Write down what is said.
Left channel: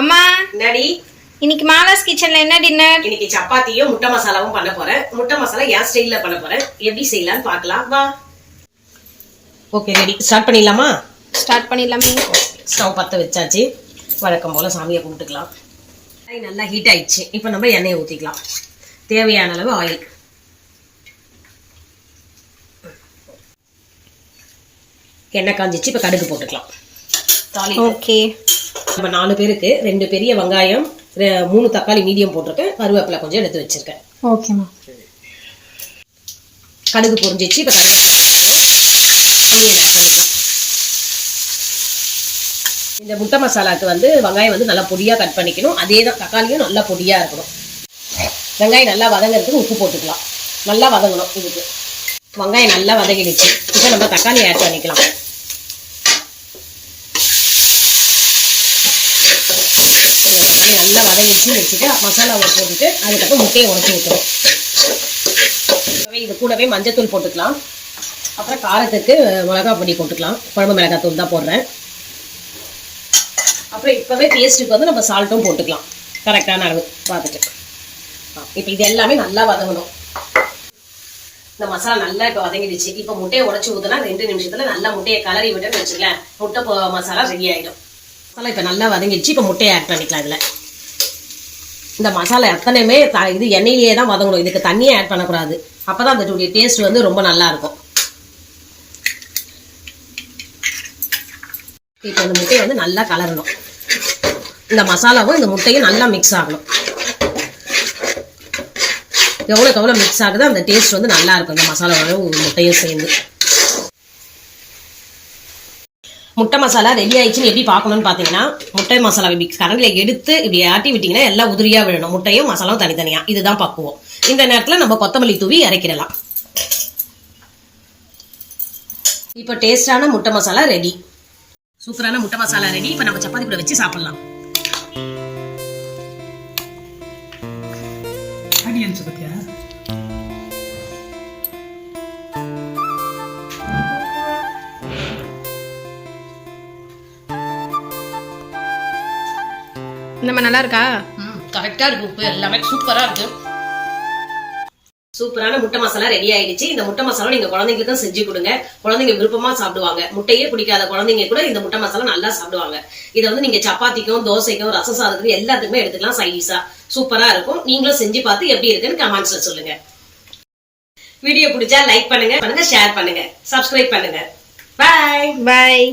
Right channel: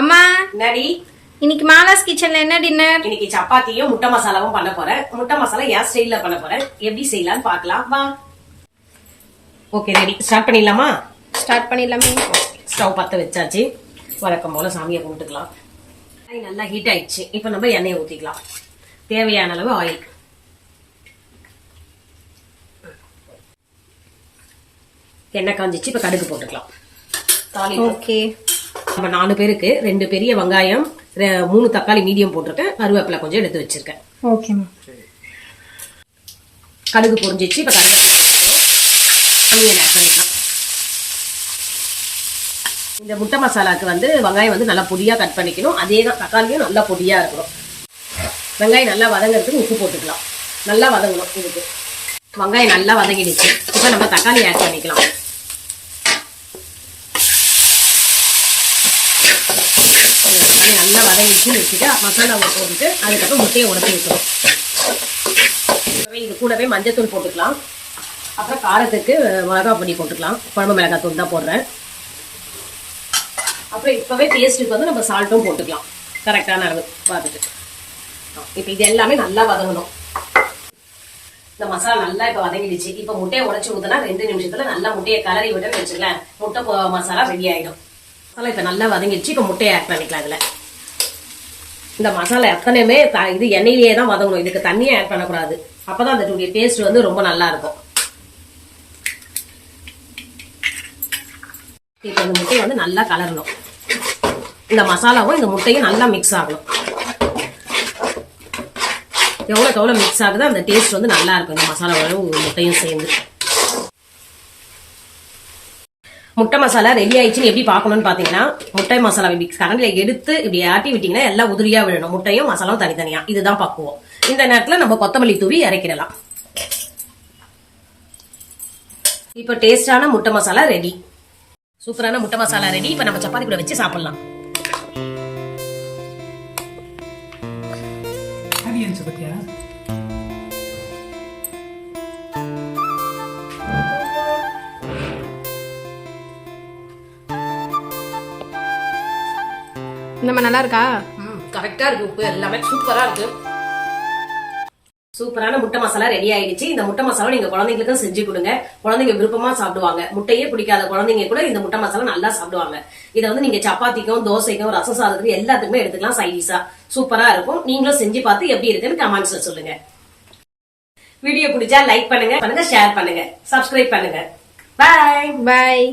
அம்மா என்னடி இன்னைக்கு மாலாஸ் கிச்சன்ல என்ன டின்னர்? இன்னைக்கு சப்பாத்தியும் முட்டை மசாலாவும் பண்ண போறேன். முட்டை மசாலா என் ஸ்டைல்ல பண்ண போறேன். எப்படி செய்யலாம்னு பார்க்கலாம் வா. ஓகே ரெடி, ஸ்டார்ட் பண்ணிடலாமா? ஸ்டார்ட் பண்ணிடலாமே. ஸ்டவ் பற்ற வச்சாச்சு. வழக்கம் போல சாமியை கும்பிட்டுக்கலாம். நல்லா ஹீட் ஆயிடுச்சு. இப்போ நம்ம எண்ணெயை ஊற்றிக்கலாம். தேவையான அளவு ஆயில். எண்ணெய் காஞ்சிச்சு. இப்போ கடுகு போட்டுக்கலாம். ஓகே. நம்ம 4 பேருக்கு 2 பெரிய வெங்காயம், 3 தக்காளி மீடியம் போட்டிருக்கேன். கருவேப்பிலை கொஞ்சம் எடுத்து வச்சிருக்கேன். ஓகேம்மா. கடுகு பொரிஞ்சிச்சு. இப்போ கருவேப்பிலை ஆனியன் ஆட் பண்ணிக்கலாம். இந்த முட்டை மசாலாவுக்கு வெங்காயம் நல்லா பொடியாக கட் பண்ணிக்கணும். அதே தான் தக்காளியும் நல்லா பொடியாக இருக்கணும். வெங்காயம் நல்லா வதங்கிறதுக்கு உப்பு போட்டுக்கலாம். நல்லா வதங்கணும். இதுக்கு வெங்காயம் நல்லா வதங்கிடுச்சு. இப்போ நம்ம தக்காளி ஆட் பண்ணிக்கலாம். தக்காளி நல்லா வதங்கிடுச்சுன்னு வச்சுட்டு மசாலாவை போட்டுட்டு அதுக்கப்புறம் முட்டையை உடச்சி வைக்கணும். இது கூடவே மஞ்சத்தூள் போட்டுக்கலாம். அப்புறம் காரத்துக்கு மிளகா பொடி போட்டுக்கலாம். குழம்பு மிளகாத்தூள் தான் போடுறேன். அப்புறம் இப்போவே டேஸ்ட்டுக்கு நம்ம சால்ட்டும் போட்டுக்கலாம். கரெக்டான அளவு பார்த்துட்டு. இப்போ இது எல்லாமே நல்லா வதங்கணும். இந்த மசாலா நல்லா இப்போ வதங்கிடுச்சு. இப்போ முட்டையை உடச்சி ஊற்றினா 2 நிமிஷத்தில் நல்லா முட்டையை கலரி விட்டு வச்சுக்கலாம். முட்டை மசாலா ரெடி ஆகிடும். மசாலா இப்போ நல்லா வதங்கிடுச்சு. இப்போ முட்டையை ஆட் பண்ணிக்கலாம். இதில் இந்த மசாலா எத்தனையுமே இது எண்ணெயிலேயே தான் வதங்கணும். இதுக்கு தண்ணியை ஆட் பண்ணக்கூடாது. அப்போ தான் அந்த டேஸ்ட் ரொம்ப நல்லா இருக்கும். இப்போ இந்த முட்டையை நல்லா கலரணும். இந்த மசாலாவும் இந்த முட்டையும் நல்லா மிக்ஸ் ஆகணும். எவ்வளோக்கு எவ்வளோ மிக்ஸ் ஆகுதோ அந்த டேஸ்ட் நல்லா இருக்கும். இந்த மசாலாவும் முட்டையும் சேர்ந்து. முட்டை மசாலா ரெடி ஆயிடுச்சுன்னு எப்படி பார்க்கணும்னு பார்த்தீங்கன்னா, முட்டை மசாலா இப்படி கரண்டில் எடுத்து இப்படி ஆட்டி விட்டிங்கன்னா எல்லாம் உதிரியாக விழணும். முட்டையும் மசாலாவும் தனித்தனியாக. இதுதான் பக்குவம். இந்த நேரத்தில் நம்ம கொத்தமல்லி தூவி இறக்கிடலாம். இப்போ டேஸ்டான முட்டை மசாலா ரெடி. சூப்பரான முட்டை மசாலா ரெடி. இப்போ நம்ம சப்பாத்தி கூட வச்சு சாப்பிடலாம். நம்ம நல்லா இருக்கா? கரெக்டா இருக்கு. உப்பு எல்லாமே சூப்பரா இருக்கு. சூப்பரான முட்டை மசாலா ரெடி ஆயிடுச்சு. இந்த முட்டை மசாலா நீங்க குழந்தைங்களுக்கும் செஞ்சு கொடுங்க. குழந்தைங்க விருப்பமா சாப்பிடுவாங்க. முட்டையே பிடிக்காத குழந்தைங்க கூட இந்த முட்டை மசாலா நல்லா சாப்பிடுவாங்க. இதை நீங்க சப்பாத்திக்கும், தோசைக்கும், ரச சாதத்துக்கும் எல்லாத்துக்குமே எடுத்துக்கலாம். சைடிஷா சூப்பரா இருக்கும். நீங்களும் செஞ்சு பார்த்து எப்படி இருக்குன்னு கமெண்ட்ஸ்ல சொல்லுங்க. வீடியோ பிடிச்சா லைக் பண்ணுங்க, ஷேர் பண்ணுங்க, சப்ஸ்கிரைப் பண்ணுங்க. பாய்.